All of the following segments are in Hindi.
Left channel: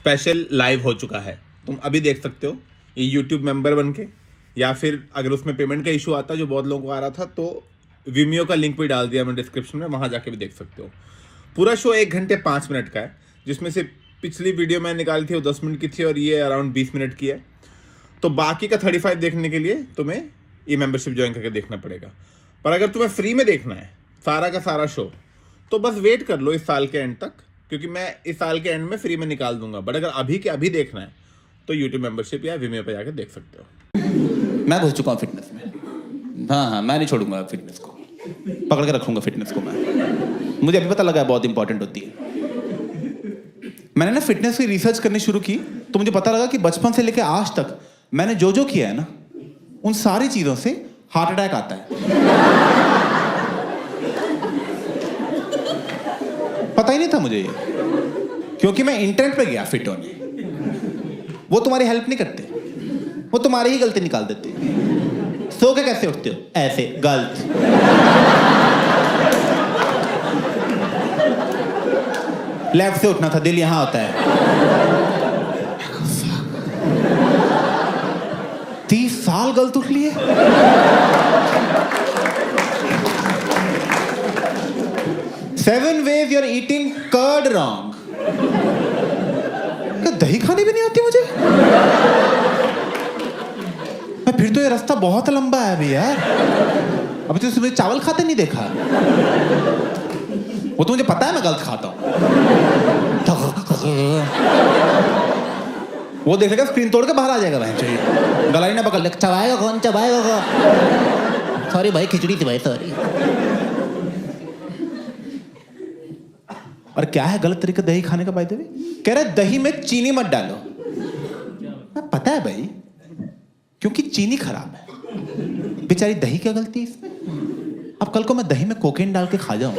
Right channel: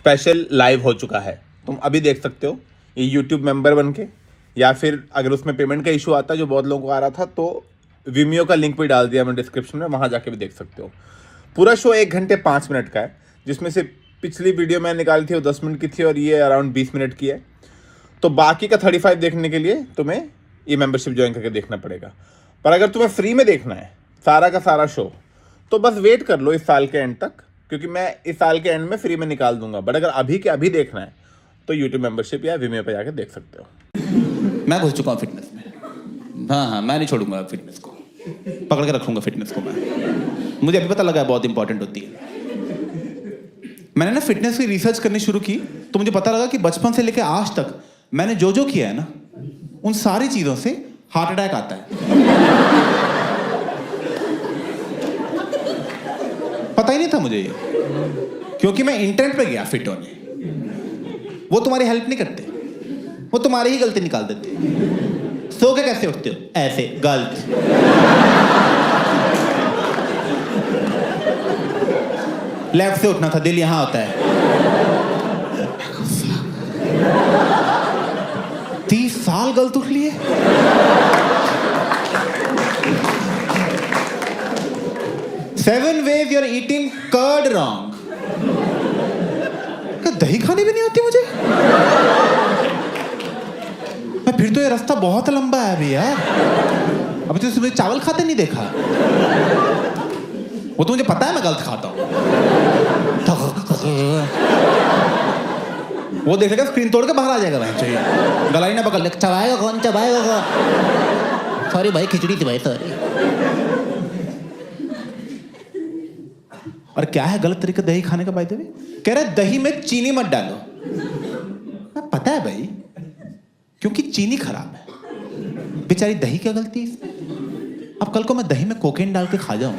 स्पेशल लाइव हो चुका है, तुम अभी देख सकते हो ये यूट्यूब मेंबर बन के, या फिर अगर उसमें पेमेंट का इशू आता है जो बहुत लोगों को आ रहा था तो विमियो का लिंक भी डाल दिया मैंने डिस्क्रिप्शन में, वहाँ जाके भी देख सकते हो। पूरा शो 1 घंटे 5 मिनट का है, जिसमें से पिछली वीडियो मैंने निकाली थी वो 10 मिनट की थी और ये अराउंड 20 मिनट की है। तो बाकी का 35 देखने के लिए तुम्हें ये मेंबरशिप ज्वाइन करके देखना पड़ेगा। पर अगर तुम्हें फ्री में देखना है सारा का सारा शो तो बस वेट कर लो इस साल के एंड तक, क्योंकि मैं इस साल के एंड में फ्री में निकाल दूंगा। बट अगर अभी के अभी देखना है तो यूट्यूब मेंबरशिप या विमियो पे जाकर देख सकते हो। मैं घुस चुका हूँ फिटनेस में। हाँ, मैं नहीं छोड़ूंगा फिटनेस को, पकड़ के रखूंगा फिटनेस को मैं। मुझे अभी पता लगा बहुत इंपॉर्टेंट होती है। मैंने ना फिटनेस की रिसर्च करनी शुरू की तो मुझे पता लगा कि बचपन से लेकर आज तक मैंने जो जो किया है ना, उन सारी चीजों से हार्ट अटैक आता है। पता ही नहीं था मुझे ये, क्योंकि मैं इंटरनेट पे गया फिट होने। वो तुम्हारी हेल्प नहीं करते, वो तुम्हारी ही गलती निकाल देते। सो के कैसे उठते हो? ऐसे, गलत। लेफ्ट से उठना था, दिल यहां होता है। 30 साल गलत उठ लिए। Seven ways you're eating curd wrong. क्या दही खानी भी नहीं आती मुझे? फिर तो ये रास्ता बहुत लंबा है अभी यार। अभी तो सुबह चावल खाते नहीं देखा। वो तो मुझे पता है मैं गलत खाता हूं। वो देख लेगा स्क्रीन तोड़ के बाहर आ जाएगा भाई, चाहिए गलाई ना पकड़ ले। चबाएगा कौन? चबाएगा कौन? सॉरी भाई, खिचड़ी थी भाई, सॉरी। और क्या है गलत तरीका दही खाने का? बाय द वे कह रहा है दही में चीनी मत डालो। पता है भाई, क्योंकि चीनी खराब है। बेचारी दही क्या गलती है इसमें? अब कल को मैं दही में कोकेन डाल के खा जाऊं।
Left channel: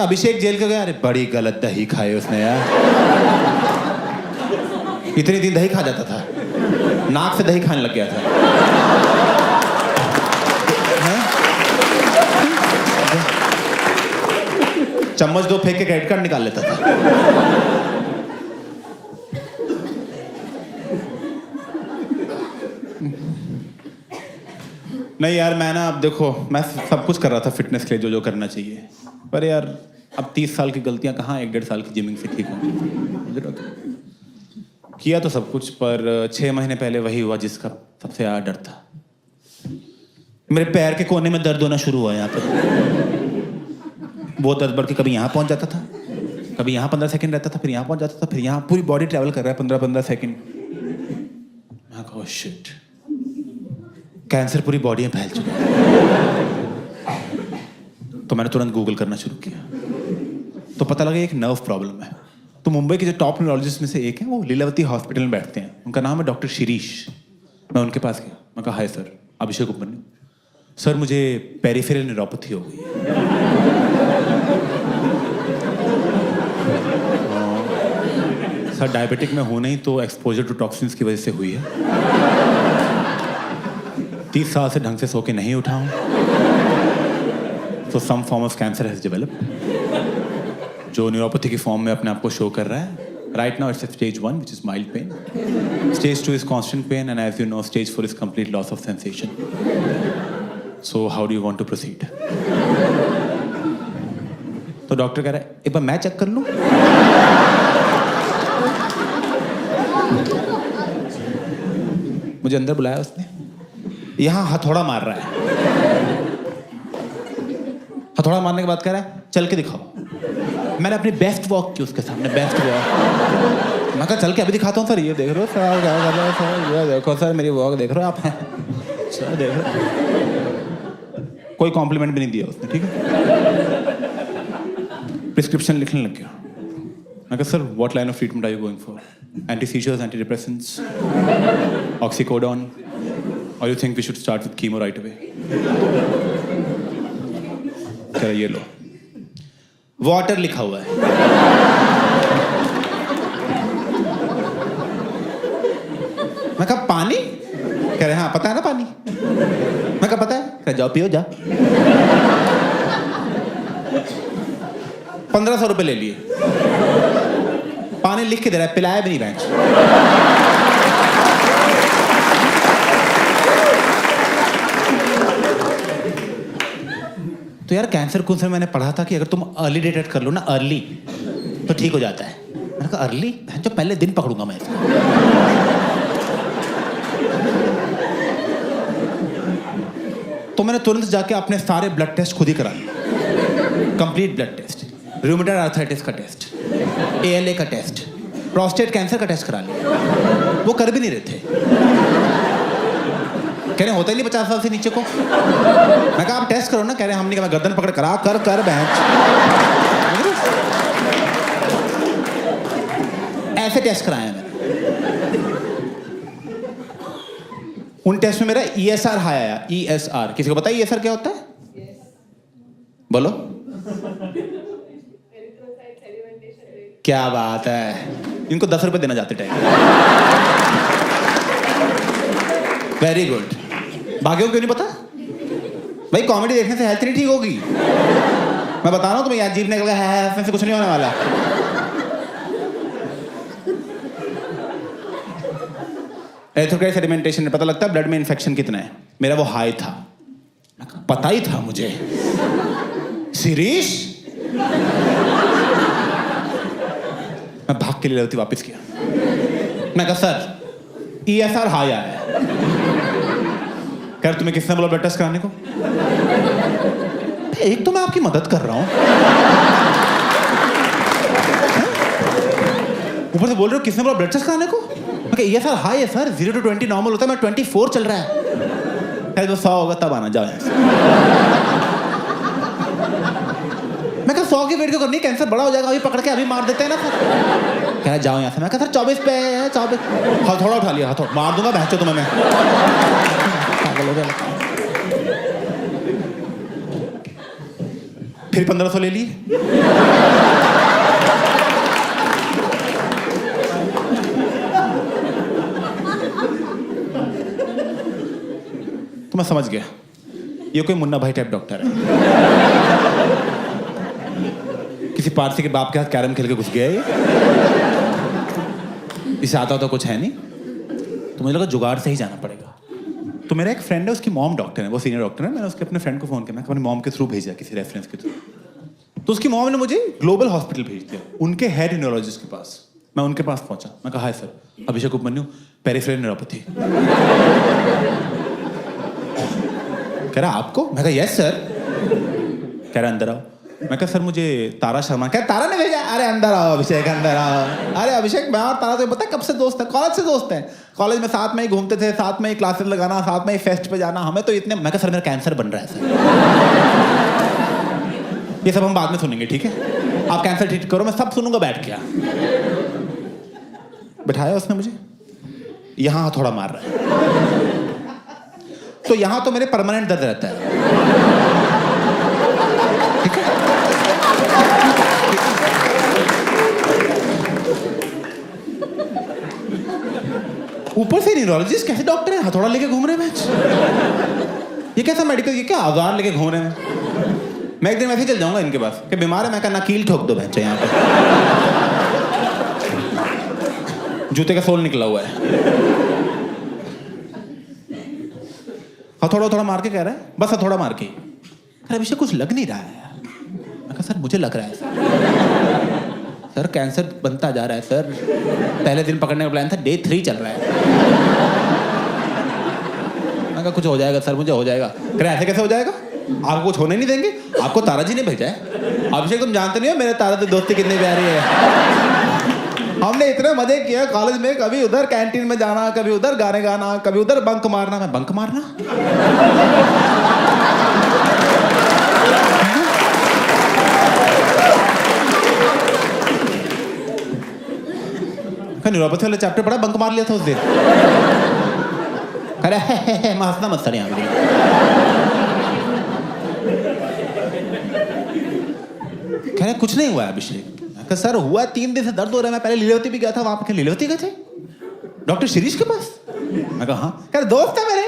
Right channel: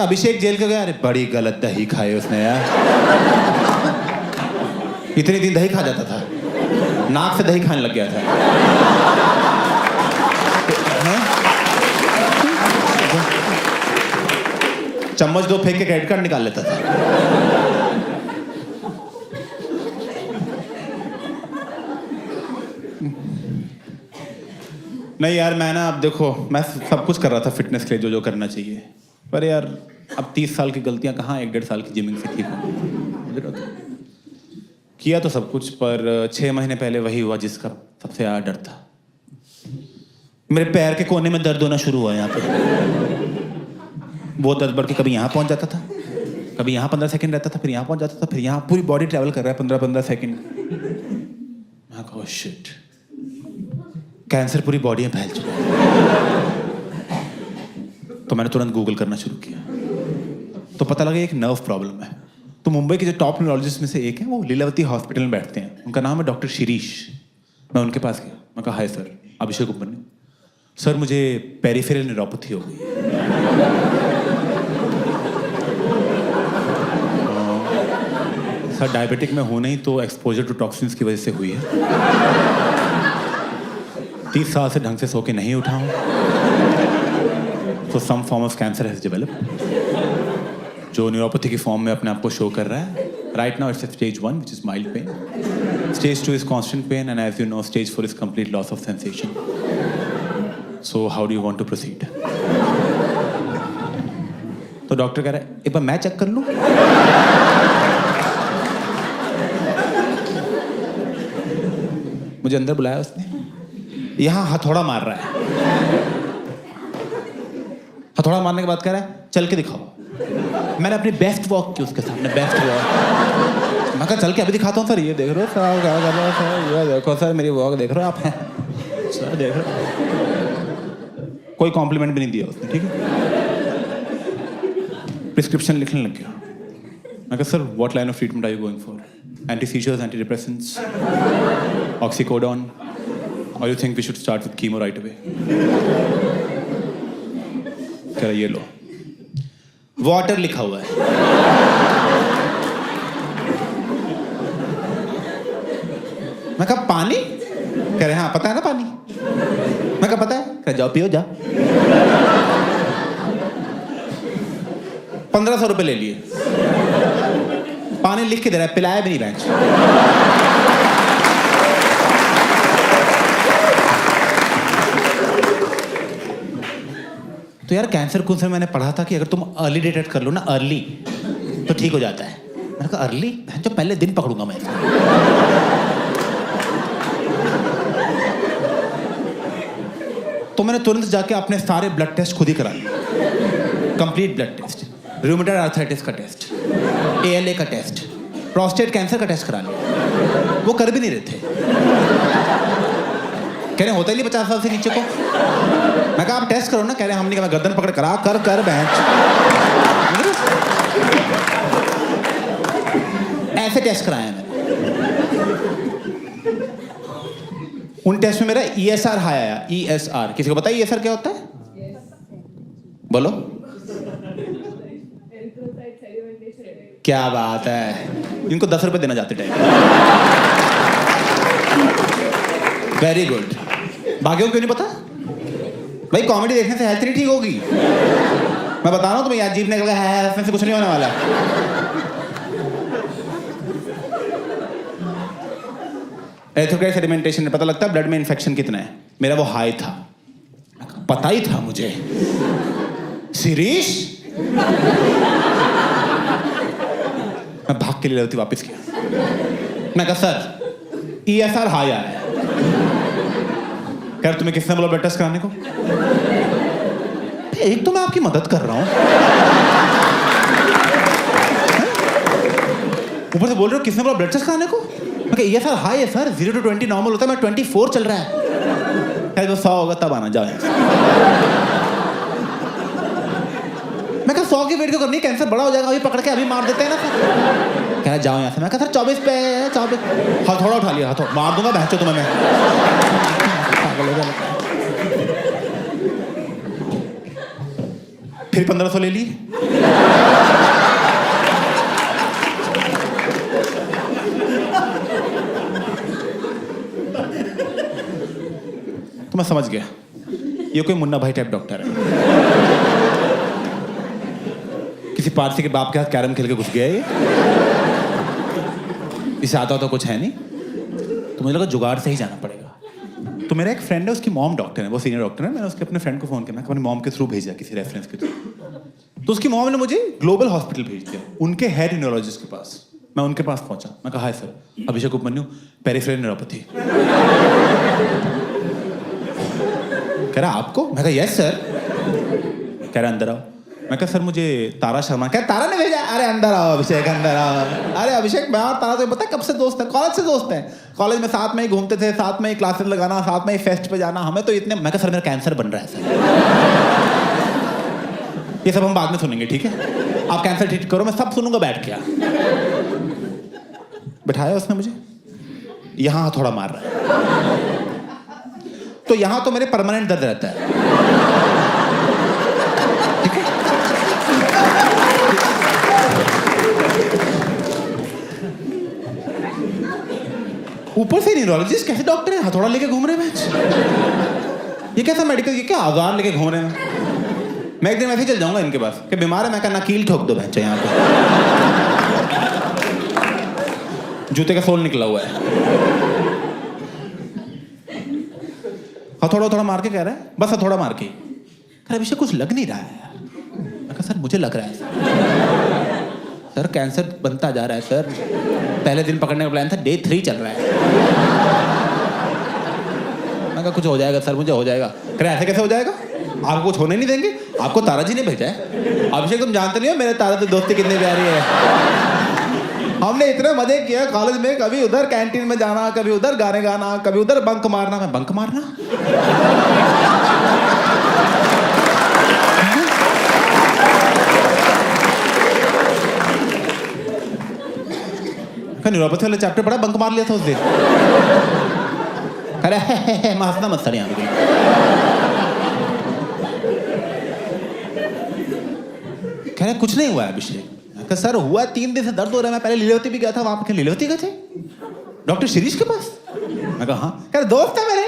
अभिषेक जेल का गया, अरे बड़ी गलत दही खाई उसने यार। इतने दिन दही खा जाता था, नाक से दही खाने लग गया था। चम्मच 2 फेंक के क्रेडिट कार्ड निकाल लेता था। नहीं यार, मैं ना, अब देखो, मैं सब कुछ कर रहा था फिटनेस के लिए, जो जो करना चाहिए। पर यार अब 30 साल की गलतियां कहाँ 1-1.5 साल की जिमिंग से ठीक होंगी। मुझे तो किया तो सब कुछ, पर 6 महीने पहले वही हुआ जिसका सबसे ज़्यादा डर था। मेरे पैर के कोने में दर्द होना शुरू हुआ यहाँ पे। वो दर्द बढ़ के कभी यहाँ पहुँच जाता था, कभी यहाँ 15 सेकंड रहता था, फिर यहाँ पहुँच जाता था, फिर यहाँ। पूरी बॉडी ट्रैवल कर रहा है 15-15 सेकंड। मैं कहा शिट, कैंसर पूरी बॉडी में फैल चुका है। तो मैंने तुरंत गूगल करना शुरू किया, तो पता लगा एक नर्व प्रॉब्लम है। तो मुंबई के जो टॉप न्यूरोलॉजिस्ट में से एक है, वो लीलावती हॉस्पिटल में बैठते हैं, उनका नाम है डॉक्टर शिरीष। मैं उनके पास गया, मैं कहा हाय सर, अभिषेक उपमन्यु सर, मुझे पेरिफेरल न्यूरोपैथी हो गई है। सर डायबिटिक में हूं नहीं, तो एक्सपोजर टू टॉक्सिन्स की वजह से हुई है। 30 साल से ढंग से सो के नहीं उठा हूं, तो some form of cancer has developed, जो न्यूरोपैथी की फॉर्म में अपने आप को शो कर रहा है। Right now it's stage 1 which is mild pain, stage 2 is constant pain, and as you know stage 4 is complete loss of sensation. So how do you want to proceed? तो डॉक्टर कह रहा है एक बार मैं चेक कर लूं। मुझे अंदर बुलाया उसने, यहां हथौड़ा मार रहा है। हथौड़ा मारने के बाद कह रहा है चल के दिखाओ। मैंने अपनी बेस्ट वॉक की उसके सामने, बेस्ट वॉक। मैं कहा चल के अभी दिखाता हूँ सर, ये देख रहे हो सर, क्या कर रहे हो सर, ये देखो सर मेरी वॉक देख रहे हो आप? सर देख रहे हो? कोई कॉम्प्लीमेंट भी नहीं दिया उसने, ठीक है। प्रिस्क्रिप्शन लिखने लग गया। मैं कहा sir what line of treatment are you going for? Anti seizures, anti depressants, oxycodone, और you think we should start with chemo right away? कह रहा ये लो, वाटर लिखा हुआ है। मैं कहा पानी? कह रहे हाँ पता है ना पानी। मैं कहा पता है। कह जाओ पियो जा। 1500 रुपए ले लिए। दवा ने लिख के दे रहा है, पिलाया भी नहीं बेंच। तो यार कैंसर कौन से मैंने पढ़ा था कि अगर तुम अर्ली डिटेक्ट कर लो ना, अर्ली, तो ठीक हो जाता है। मैंने कहा अर्ली, जो पहले दिन पकड़ूंगा मैं इसको। तो मैंने तुरंत जाके अपने सारे ब्लड टेस्ट खुद ही करा लिए, complete blood test, rheumatoid arthritis का टेस्ट, ALA का टेस्ट, प्रोस्टेट कैंसर का टेस्ट करा लिया। वो कर भी नहीं रहे थे, कह रहे होता ही नहीं 50 साल से नीचे को। मैं कहा आप टेस्ट करो ना, कह रहे हम नहीं, मैं गर्दन पकड़ करा कर बेंच। ऐसे टेस्ट कराया मैंने। उन टेस्ट में मेरा ESR हाई आया। ESR किसी को पता है ESR क्या होता है? बोलो। क्या बात है, इनको 10 रुपए देना जाते टाइम। Very good. भाग्यों क्यों नहीं पता भाई? कॉमेडी देखने से हेल्थ नहीं ठीक होगी। मैं बता रहा हूँ तुम्हें, अजीब निकल गया है, इसमें से कुछ नहीं होने वाला। एरिथ्रोक्राइट सेडिमेंटेशन में पता लगता है ब्लड में इन्फेक्शन कितना है। मेरा वो हाई था, पता ही था मुझे। शिरीष, मैं भाग के लिए लीलावती वापस किया। मैं कहा सर ESR हाई आया है। कह रहे तुम्हें किसने बोला ब्लड टेस्ट कराने को? एक तो मैं आपकी मदद कर रहा हूं, ऊपर से बोल रहे हो किसने बोला ब्लड टेस्ट कराने को? मैं कहा ESR हाई है सर, 0 to 20 नॉर्मल होता है, मैं 24 चल रहा है। कह तो 100 होगा तब आना, जाओ यहाँ से। मैं कहा 100 की वेट क्यों करनी है, कैंसर बड़ा हो जाएगा, अभी पकड़ के अभी मार देते हैं ना सर। कह रहा जाओ यहाँ से। मैं कहा सर 24 पे है, 24। हथौड़ा उठा लिया, हथौड़ा मार दूंगा बहचो तुम्हें मैं। पागल हो गया। फिर 1500 ले लिए। तो मैं समझ गया ये कोई मुन्ना भाई टाइप डॉक्टर है। किसी पारसी के बाप के हाथ कैरम खेल के घुस गया ये। इसे आता तो कुछ है नहीं, तो मुझे लगा जुगाड़ से ही जाना पड़ेगा। तो मेरा एक फ्रेंड है, उसकी मॉम डॉक्टर है, वो सीनियर डॉक्टर है। मैंने उसके अपने फ्रेंड को फोन किया, मैं अपनी मॉम के थ्रू भेजा, किसी रेफरेंस के थ्रू। तो उसकी मॉम ने मुझे ग्लोबल हॉस्पिटल भेज दिया, उनके हेड न्यूरोलॉजिस्ट के पास। मैं उनके पास पहुंचा, मैं कहा हाय सर, अभिषेक उपमन्यु, पेरिफेरल न्यूरोपैथी। कह रहा आपको? मैं कहा यस सर। कह रहा अंदर आओ। मैं कहा सर मुझे तारा शर्मा। क्या तारा ने भेजा? अरे अंदर आओ अभिषेक, अंदर आओ। अरे अभिषेक, मैं और तारा तो पता है कब से दोस्त है, कॉलेज से दोस्त हैं। कॉलेज में साथ में ही घूमते थे, साथ में ही क्लासेस लगाना, साथ में ही फेस्ट पे जाना, हमें तो इतने। मैं कहा सर मेरा कैंसर बन रहा है सर। ये सब हम बाद में सुनेंगे, ठीक है? आप कैंसर ठीक करो, मैं सब सुनूंगा बैठ के। बिठाया उसने मुझे, यहां थोड़ा मार रहा है, तो यहां तो मेरे परमानेंट दर्द रहता है, ठीक है? ऊपर से न्यूरोलॉजिस्ट कैसे डॉक्टर है, हथौड़ा लेके घूम रहे हैं। ये कैसा मेडिकल, ये क्या औजार लेके घूम रहे हैं? मैं एक दिन वैसे ही चल जाऊंगा इनके पास कि बीमार है। मैं कहना कील ठोक दो बच्चे, यहाँ पे जूते का सोल निकला हुआ है। हथौड़ा थोड़ा मार के कह रहा है, बस हथौड़ा मार के। अरे अभिषेक कुछ लग नहीं रहा है यार। मैं कहा सर मुझे लग रहा है सर कैंसर बनता जा रहा है सर। पहले दिन पकड़ने का प्लान था, डे 3 चल रहा है। मैं कहा कुछ हो जाएगा सर, मुझे हो जाएगा। कह रहे ऐसे कैसे हो जाएगा, आपको कुछ होने नहीं देंगे, आपको तारा जी ने भेजा है। अभिषेक तुम जानते नहीं हो मेरे तारा से दोस्ती कितनी प्यारी है। हमने इतने मजे किए कॉलेज में, कभी उधर कैंटीन में जाना, कभी उधर गाने गाना, कभी उधर बंक मारना। मैं बंक मारना? न्यूरोपैथी वाला चैप्टर पढ़ा, बंक मार लिया था उस दिन। अरे हंसना मत सर यहाँ पे। कह रहे कुछ नहीं हुआ है अभिषेक। सर हुआ 3 दिन से दर्द हो रहा है, मैं पहले लीलावती भी गया था, वहां पे लीलावती गए थे डॉक्टर शिरीष के पास। मैं कहा हाँ। कह रहे दोस्त है मेरे,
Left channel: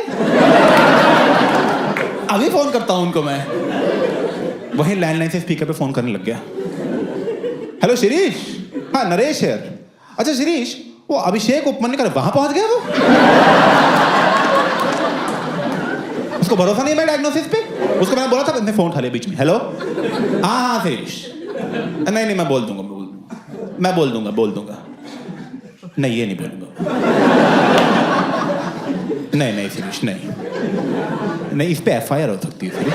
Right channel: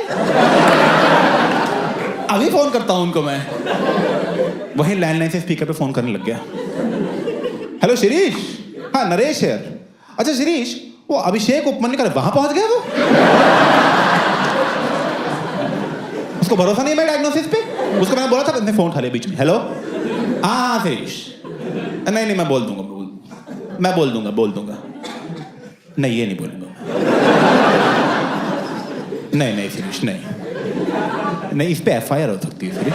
अभी फोन करता हूं उनको मैं। वहीं लैंडलाइन से स्पीकर पे फोन करने लग गया। हेलो शिरीष, हाँ नरेश यार, अच्छा शिरीष, वो अभिषेक उपमन्यु वहां पहुंच गया वो? उसको भरोसा नहीं है मेरे डायग्नोसिस पे? उसको मैंने बोला था, मैंने फोन उठा लिया बीच में। हेलो, हाँ शिरीष, नहीं मैं बोल दूंगा, मैं बोल दूंगा। नहीं, ये नहीं बोलूंगा। नहीं शिरीष, नहीं इस पे एफआईआर हो सकती है शिरीष।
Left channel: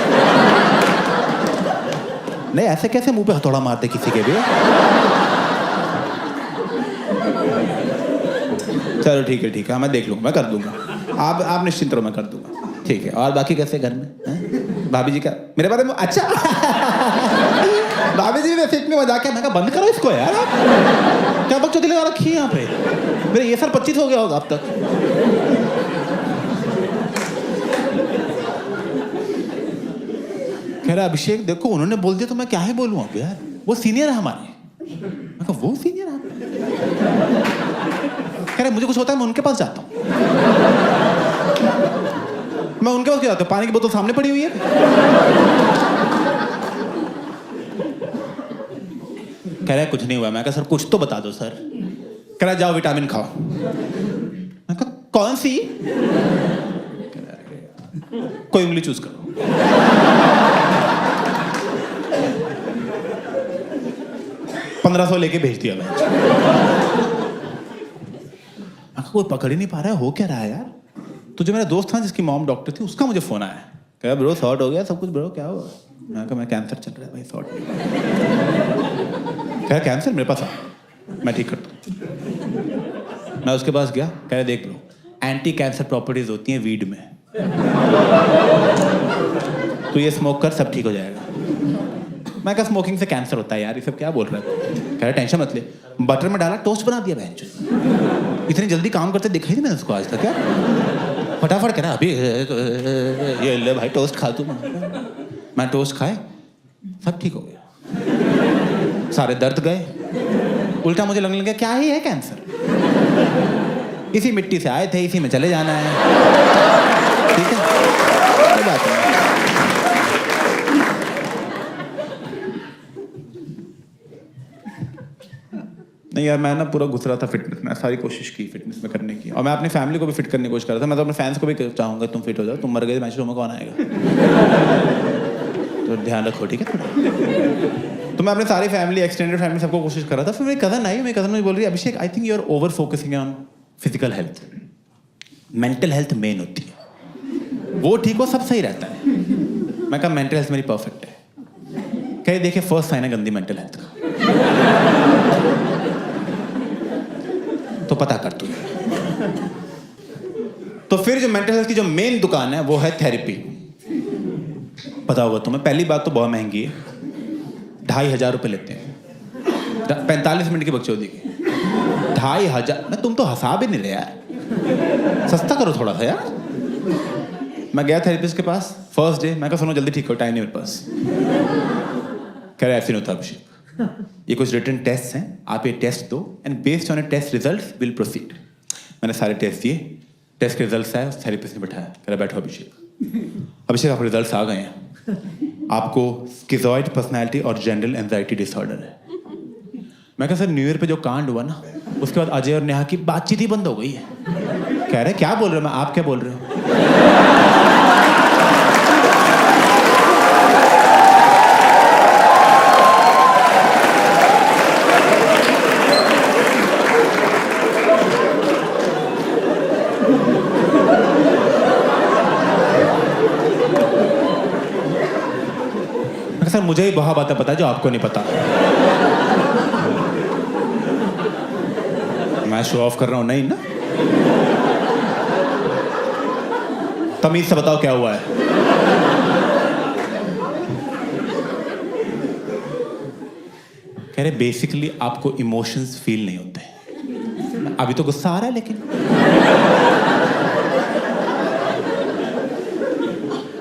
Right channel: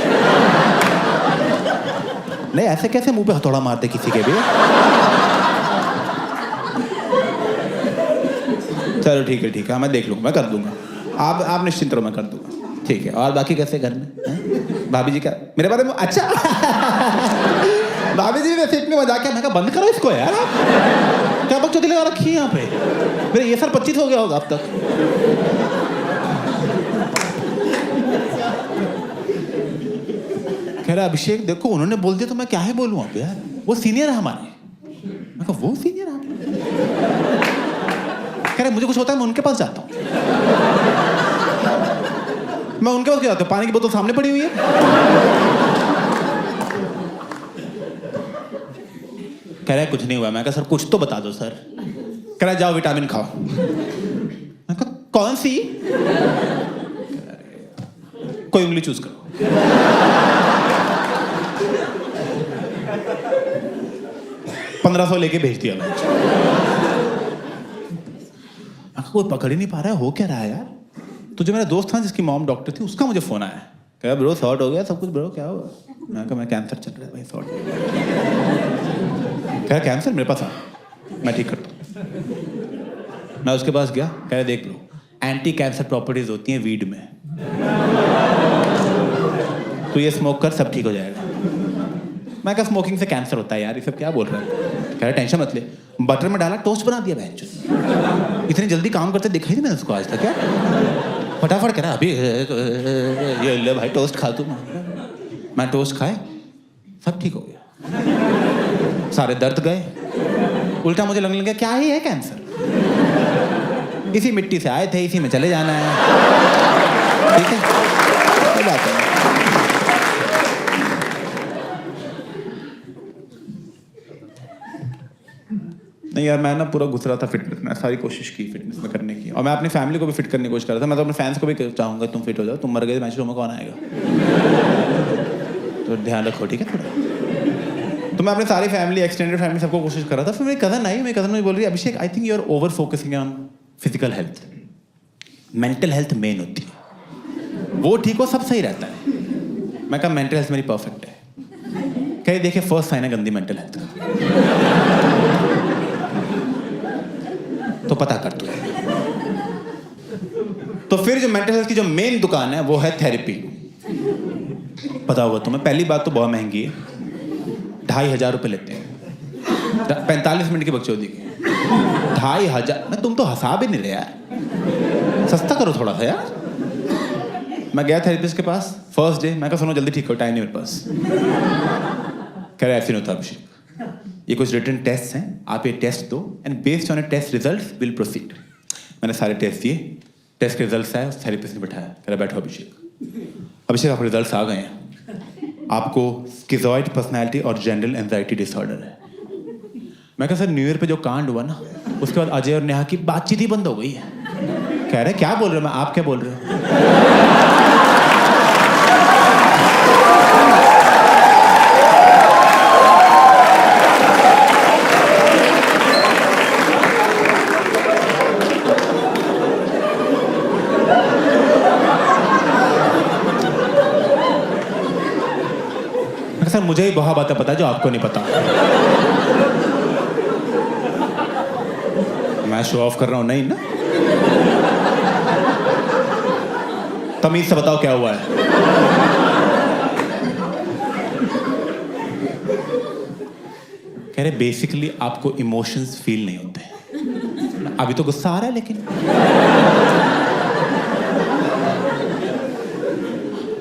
नहीं, ऐसे कैसे मुंह पे हथौड़ा मारते किसी के भी? चलो ठीक है, मैं देख लूंगा, मैं कर दूंगा। आप निश्चिंत रहो, मैं कर दूंगा। ठीक है, और बाकी कैसे घर में? भाभी जी क्या मेरे बारे में? अच्छा भाभी जी वैसे इतनी मजाक है। मैं कहा बंद करो इसको यार, आप क्या बकचोदी लगा रखी है यहाँ पे? मेरे ये साल 25 हो गया होगा अब तक। कह रहा अभिषेक देखो उन्होंने बोल दिया तो मैं क्या ही बोलूं अब यार, वो सीनियर है हमारे। मैं कहा वो सीनियर है? कह रहे मुझे कुछ होता है मैं उनके पास जाता हूं। मैं उनके पास क्यों जाता हूं? पानी की बोतल सामने पड़ी हुई है। कह रहा कुछ नहीं हुआ। मैं कहा सर कुछ तो बता दो सर। कह रहा जाओ विटामिन खाओ। मैं कहा कौन सी? कोई उंगली चूज करो। $1500 लेके भेज दिया मैं। कोई पकड़ ही नहीं पा रहा है, हो क्या रहा है यार? तो जो मेरा दोस्त था जिसकी मॉम डॉक्टर थी, उसका मुझे फोन आया। कहा ब्रो सॉर्ट हो गया सब कुछ ब्रो, क्या हुआ? मैं कहा मैं कैंसर चल रहा है भाई, सॉर्ट नहीं हुआ। कहा कैंसर मेरे पास आ, मैं ठीक करता हूँ। मैं उसके पास गया। कह रहे देख ब्रो, एंटी कैंसर प्रॉपर्टीज होती हैं वीड में, तो ये स्मोक कर सब ठीक हो जाएगा। मैं कहा स्मोकिंग से कैंसर होता है यार, ये सब क्या बोल रहा है? कह रहा टेंशन मत ले, बटर में डाला टोस्ट बना दिया बहन। इतनी जल्दी काम करते देखा ही नहीं मैंने उसको आज तक। क्या फटाफट कह रहा अभी ये ले भाई टोस्ट खा तू। मैं टोस्ट खाए, सब ठीक हो गया, सारे दर्द गए। उल्टा मुझे लगने लगा क्या ही है कैंसर, इसी मिट्टी से आए थे, इसी में चले जाना है। ठीक है, कोई बात नहीं। नहीं यार, मैं ना पूरा घुस रहा था फिटनेस में, सारी कोशिश की फिटनेस में करने की, और मैं अपनी फैमिली को भी फिट करने की कोशिश कर रहा था। मैं तो अपने फैंस को भी चाहूंगा तुम फिट हो जाओ, तुम मर गए मैच में कौन आएगा? तो ध्यान रखो ठीक है थोड़ा। तो मैं अपनी सारी फैमिली, एक्सटेंडेड फैमिली, सबको कोशिश कर रहा था। फिर मेरी कज़न आई, मेरी कज़न मुझे बोल रही है Abhishek I think you are over focusing on physical health, mental health main होती है, वो ठीक हो सब सही रहता है। मैं कहा मेंटल हेल्थ मेरी परफेक्ट है। कहीं देखिए फर्स्ट साइन है गंदी मेंटल हेल्थ का, तो पता कर तू। तो फिर जो मेंटल हेल्थ की जो मेन दुकान है वो है थेरेपी। पता होगा तुम्हें, पहली बात तो बहुत महंगी है, 2500 रुपये लेते हैं 45 मिनट की बकचोदी की। 2500 में तुम तो हंसा भी नहीं रहे यार, सस्ता करो थोड़ा सा यार। मैं गया थेरेपिस्ट के पास फर्स्ट डे। मैं कहा सुनो जल्दी ठीक हो, टाइम नहीं मेरे पास। कह रहा ऐसे नहीं होता अभिषेक, ये कुछ रिटन टेस्ट हैं, आप ये टेस्ट दो and based on a test results will proceed. मैंने सारे टेस्ट दिए, टेस्ट के रिजल्ट्स आए, थेरेपिस्ट ने बैठाया। कह रहा बैठो अभिषेक। अभिषेक आपके रिजल्ट्स आ गए हैं, आपको स्किज़ॉइड पर्सनैलिटी और जनरल एंजाइटी डिसऑर्डर है। मैं कहा सर न्यू ईयर पे जो कांड हुआ ना, उसके बाद अजय और नेहा की बातचीत ही बंद हो गई है। कह रहे क्या बोल रहे हो? मैं आप क्या बोल रहे हो? सर मुझे ही बहुत बातें पता है जो आपको नहीं पता। मैं शो ऑफ कर रहा हूं नहीं ना? तमीज से बताओ क्या हुआ है। कह रहे बेसिकली आपको इमोशंस फील नहीं होते। अभी तो गुस्सा आ रहा है लेकिन।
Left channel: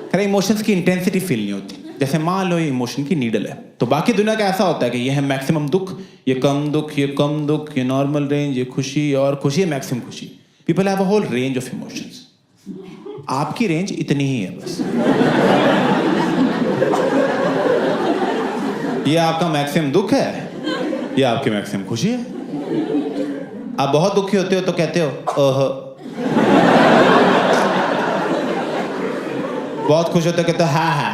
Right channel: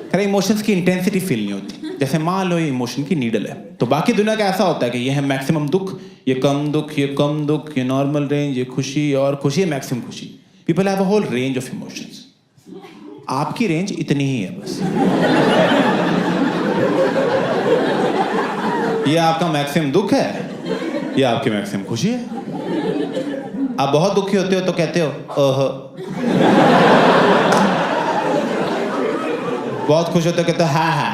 कह रहे इमोशंस की इंटेंसिटी फील नहीं होती। जैसे मान लो ये इमोशन की नीडल है, तो बाकी दुनिया का ऐसा होता है कि ये है मैक्सिमम दुख, ये कम दुख, ये कम दुख, ये नॉर्मल रेंज, ये खुशी और खुशी, मैक्सिमम खुशी। People have a whole range of emotions. आपकी रेंज इतनी ही है बस। ये आपका मैक्सिमम दुख है, ये आपकी मैक्सिमम खुशी है। आप बहुत दुखी होते हो तो कहते हो ओह, बहुत खुश होते हो कहते हो हाँ।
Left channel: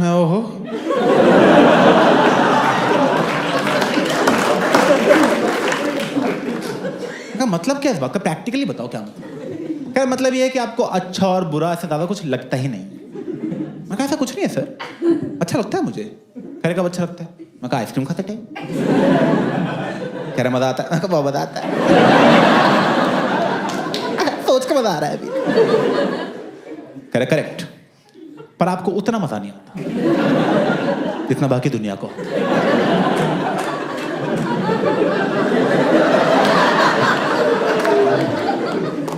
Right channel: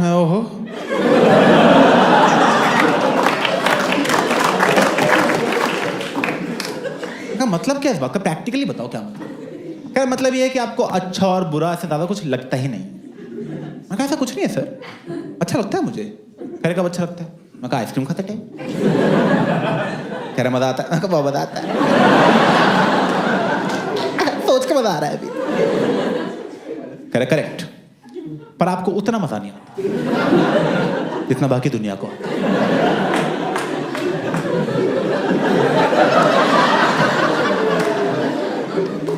मैं ओहो, का मतलब क्या है इस बात का? प्रैक्टिकली बताओ क्या मतलब? क्या मतलब ये है कि आपको अच्छा और बुरा से ज्यादा कुछ लगता ही नहीं? मैं कहा ऐसा कुछ नहीं है सर, अच्छा लगता है मुझे। कह रहे कब अच्छा लगता है? मैं कहा आइसक्रीम खाते टाइम। कह रहे मजा आता है? मैं कहा बहुत मजा आता है। सोच के मजा आ रहा है अभी। कह रहे करेक्ट, पर आपको उतना मजा नहीं आता जितना बाकी दुनिया को आता है।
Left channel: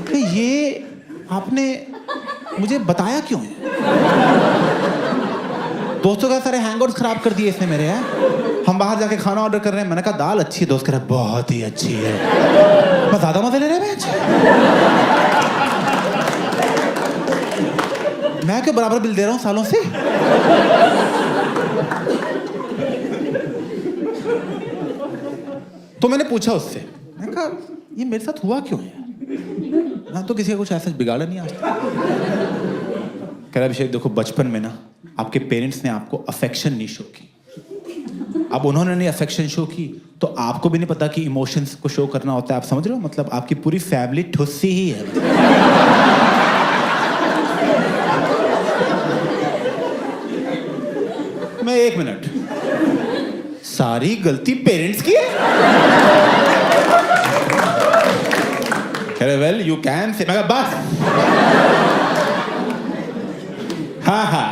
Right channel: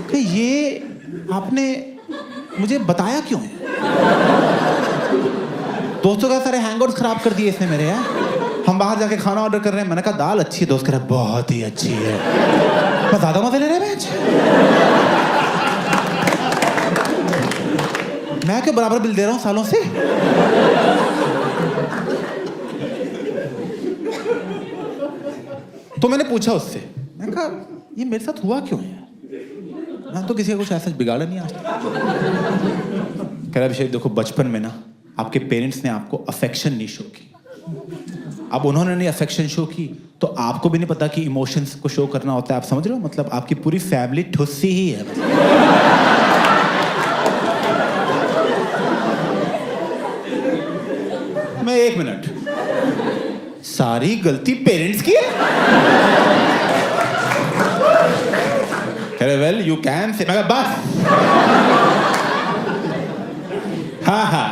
कि ये आपने मुझे बताया क्यों है? दोस्तों का सारे हैंगआउट्स खराब कर दिए इसने मेरे। हैं हम बाहर जाके खाना ऑर्डर कर रहे हैं, मैंने कहा दाल अच्छी है, दोस्त कह रहा है बहुत ही अच्छी है। मैं ज्यादा मजे ले रहे हैं मैं क्यों बराबर बिल दे रहा हूं सालों से? तो मैंने पूछा उससे, मैंने कहा ये मेरे साथ हुआ क्यों है? मैं तो किसी का कुछ ऐसा बिगाड़ा नहीं आज तक। कह रहा अभिषेक देखो, बचपन में ना आपके पेरेंट्स ने आपको अफेक्शन नहीं शो की। अब उन्होंने नहीं अफेक्शन शो की तो आपको भी नहीं पता कि इमोशंस को शो करना होता है। आप समझ रहे हो? मतलब आपकी पूरी फैमिली ठुस्सी ही है बस। मैं 1 मिनट, सारी गलती पेरेंट्स की है? वेल यू कैन से, मैं कहा बस हाँ हाँ।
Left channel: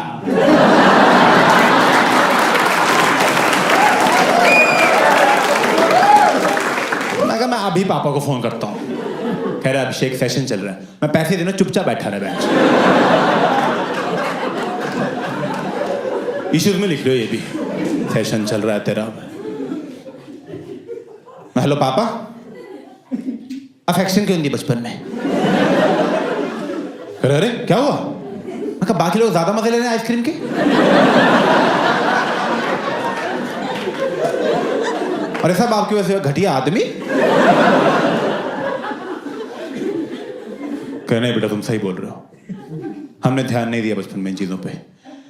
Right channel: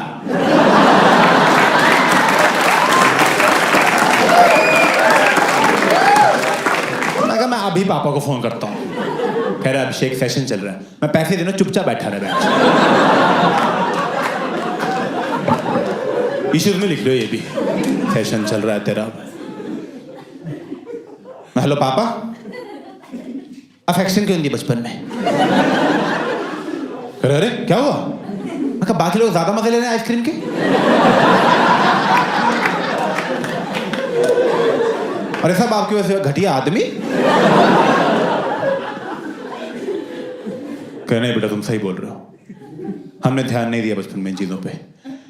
मैं अभी पापा को फोन करता हूँ। कह रहा अभिषेक सेशन चल रहा है, मैं पैसे देना, चुपचाप बैठा रहा बेंच। इश्यूज में लिख लो ये भी, सेशन चल रहा है तेरा। मैं हेलो पापा, अफेक्शन क्यों नहीं दी बचपन में? अरे क्या हुआ? मैं कहा बाकी लोग ज्यादा मजे ले रहे हैं आइसक्रीम के, और सब आपकी वजह से घटिया आदमी। कहने बेटा तुम सही बोल रहे हो, हमने ध्यान नहीं दिया बचपन में इन चीजों पे,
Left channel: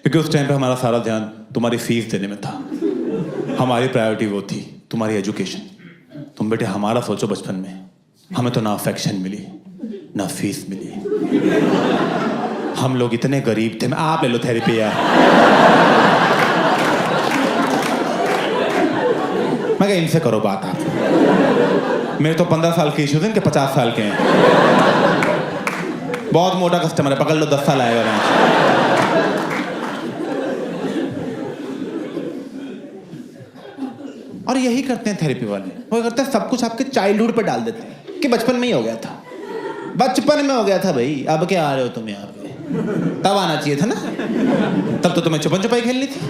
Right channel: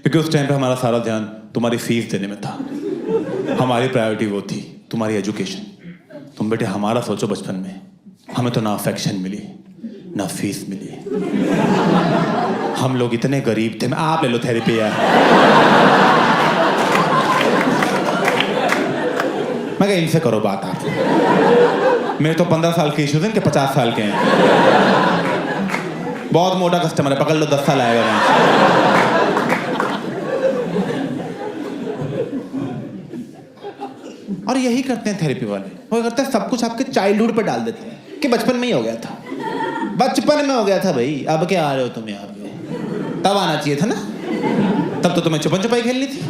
क्योंकि उस टाइम पे हमारा सारा ध्यान तुम्हारी फीस देने में था। हमारी प्रायोरिटी वो थी तुम्हारी एजुकेशन। तुम बेटे हमारा सोचो, बचपन में हमें तो ना अफेक्शन मिली ना फीस मिली। हम लोग इतने गरीब थे। आप ले लो थेरेपी यार। मैं कहा इनसे करो बात आप। मेरे तो 15 साल के इश्यूज हैं, इनके 50 साल के हैं। बहुत मोटा कस्टमर है, पकड़ लो 10 साल आएगा मैं। और यही करते हैं थेरेपी वाले, वो करते हैं सब कुछ आपके चाइल्डहुड पे डाल देते हैं कि बचपन में ही हो गया था, बचपन में हो गया था भाई, अब क्या आ रहे हो तुम यहाँ पे? तब आना चाहिए था ना, तब तो तुम्हें छुपन छुपाई खेलनी थी।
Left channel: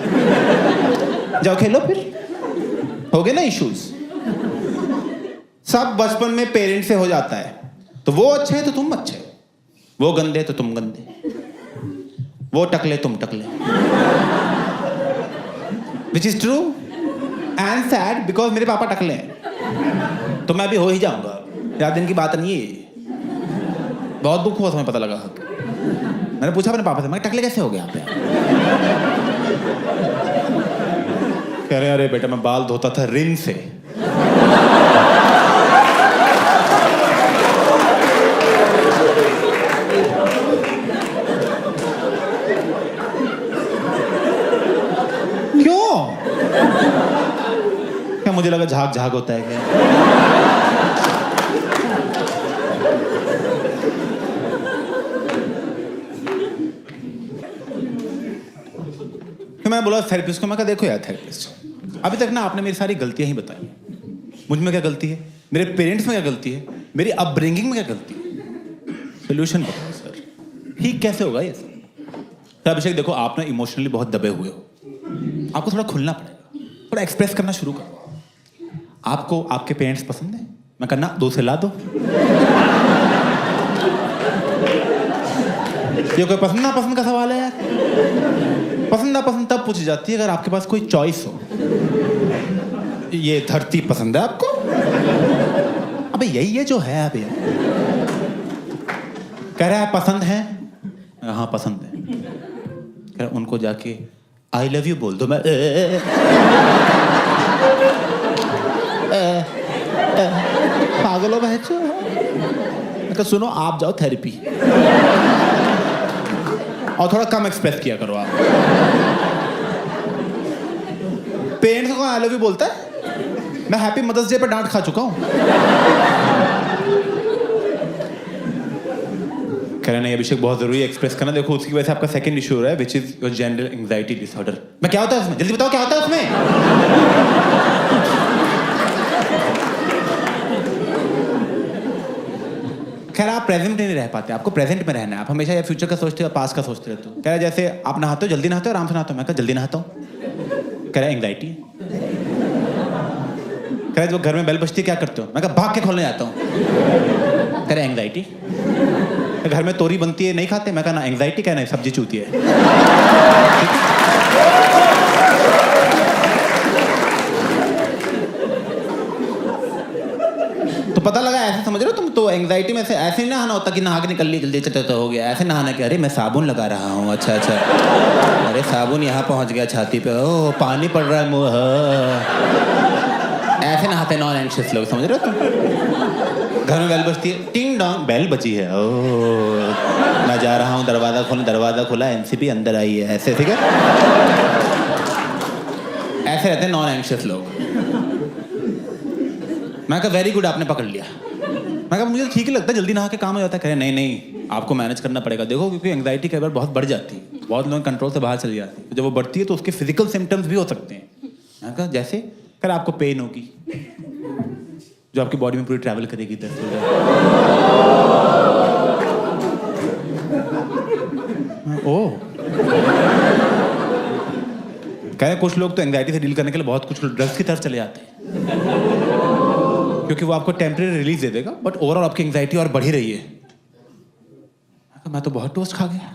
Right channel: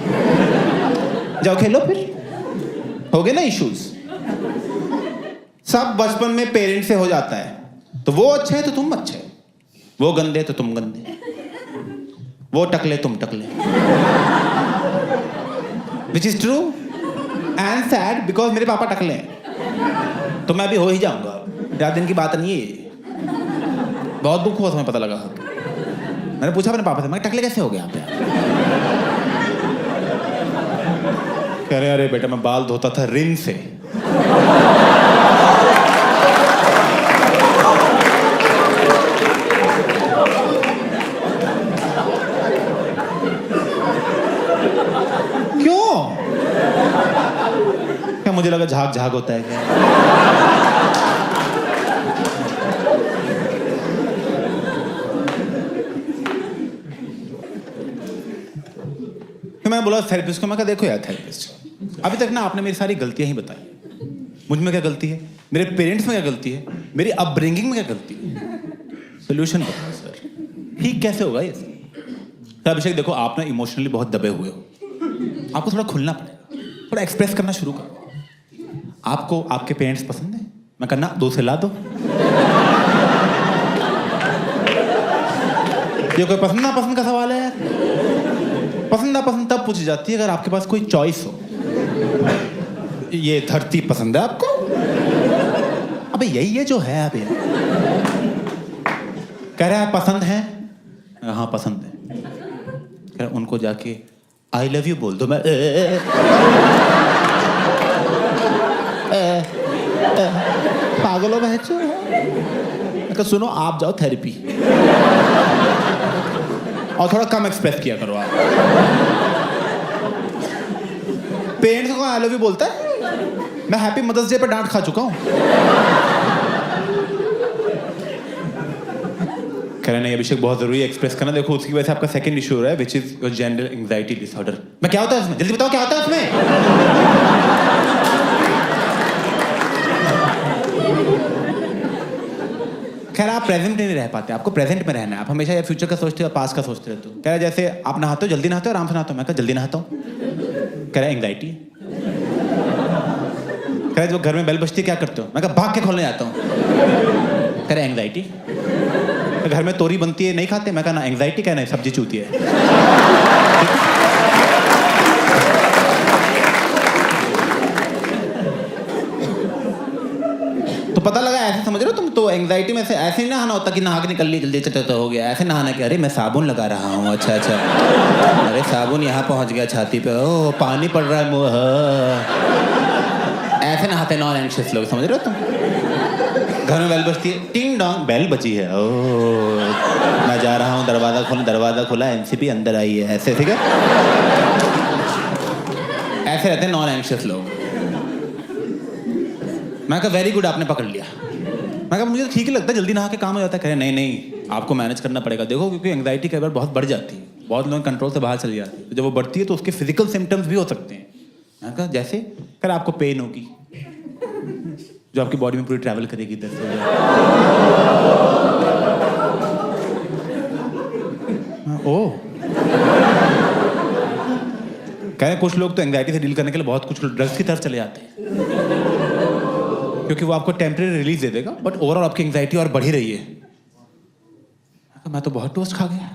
जाओ खेलो फिर, हो गए ना इश्यूज। सब बचपन में पेरेंट्स से हो जाता है। तो वो अच्छे है तो तुम अच्छे, वो गंदे तो तुम गंदे, वो टकले तुम टकले। Which is true and sad, because मेरे पापा टकले हैं तो मैं भी हो ही जाऊंगा। ज्यादा दिन की बात नहीं है, बहुत दुख हुआ तुम्हें पता लगा। मैंने पूछा अपने पापा से, मैं टकले कैसे हो गया आप? कह रहे अरे बेटा मैं बाल धोता था रिन से। क्यों? क्या मुझे लगा झाग झाग होता है क्या? मैं बोला थेरेपिस्ट को, मैं कहा देखो यार थेरेपिस्ट, अभी तक ना आपने मेरी सारी गलतियां ही बताई। मुझ में क्या गलती है, मेरे पेरेंट्स में क्या गलती है, मेरी अपब्रिंगिंग में क्या गलती है? सोल्यूशन बताओ सर, ठीक कैसे होगा ये सर? तो अभिषेक देखो, आप ना इमोशनली बहुत दबे हुए हो, आपको थोड़ा खुलना पड़ेगा, थोड़ा एक्सप्रेस करना शुरू करो। आपको आपके पेरेंट्स पसंद है? मैं कहना 2 से ला दो। ये कोई पसंद ना पसंद का सवाल है यार? पसंद ना पसंद तब पूछी जाती है अगर आपके पास कोई चॉइस हो। ये धरती पसंद है आपको? अबे यही है जो है अबे। कह रहा है पसंद है? हाँ पसंद है। कह रहा उनको जाके आई लव यू बोल दो। मैं पागल हो बहचो। मैं कहा सुनो आप जाओ थेरेपी और थोड़ा कम एक्सप्रेस किया करो आप। पेरेंट्स को आई लव यू बोलता है? मैं हैप्पी मदर्स डे पर डांट खा चुका हूं। कह रहे नहीं अभिषेक बहुत जरूरी है एक्सप्रेस करना। देखो उसकी वजह से आपका सेकंड इशू हो रहा है which is your general anxiety disorder. मैं क्या होता है उसमें? जल्दी बताओ क्या होता है उसमें? कह रहा आप प्रेजेंट में नहीं रह पाते, आपको प्रेजेंट में रहना है। आप हमेशा या फ्यूचर का सोचते हो या पास्ट का सोचते रहते हो। कह रहा जैसे आप नहाते हो, जल्दी नहाते हो, आराम से नहाते हो। मैं कहा जल्दी नहाता हूँ। कह रहा एंग्जाइटी है। कह रहा जब घर में बेल बजती है क्या करते हो? मैं कहा भाग के खोलने जाता हूँ। कह रहा एंग्जाइटी। घर में तोरी बनती है नहीं खाते? मैं कहा ना एंग्जाइटी। क्या नहीं सब्जी चूती है। ठीक है? तो पता लगा ऐसे समझ रहे हो तुम? तो एंग्जाइटी में से ऐसे नहीं नहाना होता कि नहा के निकल ली जल्दी चलते हो गया। ऐसे नहाना कि अरे मैं साबुन लगा रहा हूँ। अच्छा अच्छा, अरे साबुन यहाँ पहुँच गया छाती पे। ओह पानी पड़ रहा है मुँह। ऐसे नहाते नॉन एंग्शियस लोग, समझ रहे हो तुम? घर में बेल बजती है, टिंग डोंग बेल बजी है। ओह मैं जा रहा हूँ दरवाजा खोलने। दरवाजा खोला, एनसीपी अंदर आई है। ऐसे ठीक है? ऐसे रहते हैं नॉन एंग्शियस लोग। मैं कहा वेरी गुड आपने पकड़ लिया। मैं कहा मुझे ठीक ही लगता है जल्दी नहा के काम हो जाता है। कह रहे नहीं नहीं आपको मैनेज करना पड़ेगा। देखो क्योंकि एंग्जाइटी कई बार बहुत बढ़ जाती है, बहुत लोग कंट्रोल से बाहर चली जाती है। तो जब वो बढ़ती है तो उसके फिजिकल सिम्टम्स भी हो सकते हैं। मैं कहा जैसे? कह रहा आपको पेन होगी जो आपकी बॉडी में पूरी ट्रैवल करेगी। दर्द हो जाए। ओह कह रहे कुछ लोग तो एंग्जाइटी से डील करने के लिए बहुत कुछ ड्रग्स की तरफ चले जाते हैं क्योंकि वो आपको टेम्परेरी रिलीज दे देगा, बट ओवरऑल आपकी एंग्जाइटी और बढ़ ही रही है। मैं तो बहुत टोस्ट खा गया।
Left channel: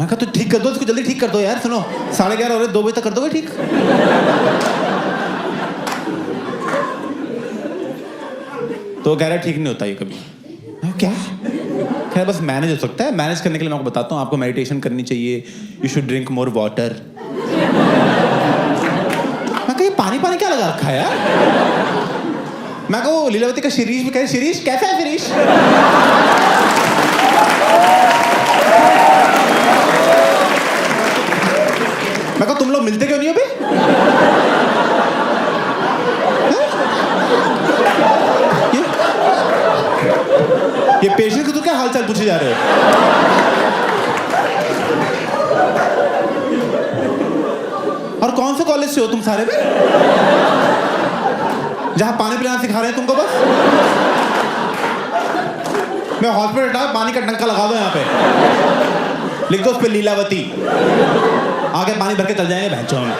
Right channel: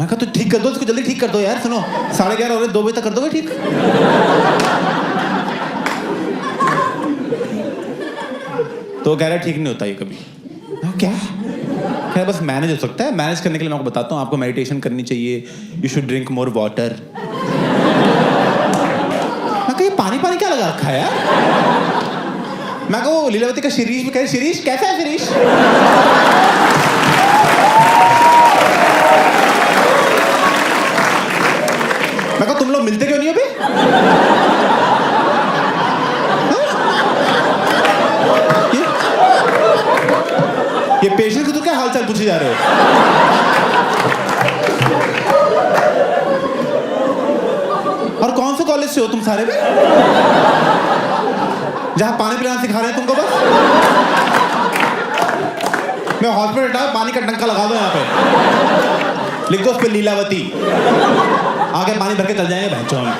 मैं कहा तो ठीक कर दो इसको, जल्दी ठीक कर दो यार। सुनो 11:30 हो रहे, 2 बजे तक कर दोगे ठीक? तो कह रहा ठीक नहीं होता ये कभी। क्या? कह रहा बस मैनेज हो सकता है। मैनेज करने के लिए मैं आपको बताता हूँ, आपको मेडिटेशन करनी चाहिए। You should drink more water. मैं कहा ये पानी पानी क्या लगा रखा है यार? मैं कहा वो लीलावती का शिरीष भी कहे। शिरीष कैसा है शिरीष? मैं कहा तुम लोग मिलते क्यों नहीं हो बे? ये पेशेंट को तो क्या हालचाल पूछे जा रहे हो? और कौन से कॉलेज से हो तुम सारे में जहां पानी पिलाना सिखा रहे हैं तुमको? बस मैं हॉस्पिटल हटा पानी का टंका लगा दो यहाँ पे, लिख दो उस पे लीलावती, आगे पानी भर के चल जाएंगे भैंचों में।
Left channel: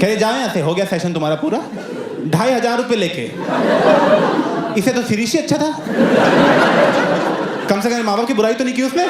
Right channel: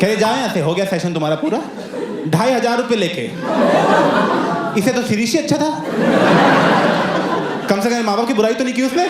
कह जाओ यहाँ से, हो गया सेशन तुम्हारा पूरा। 2,500 रुपये लेके। इसे तो शिरीष ही अच्छा था, कम से कम माँ बाप की बुराई तो नहीं की उसने।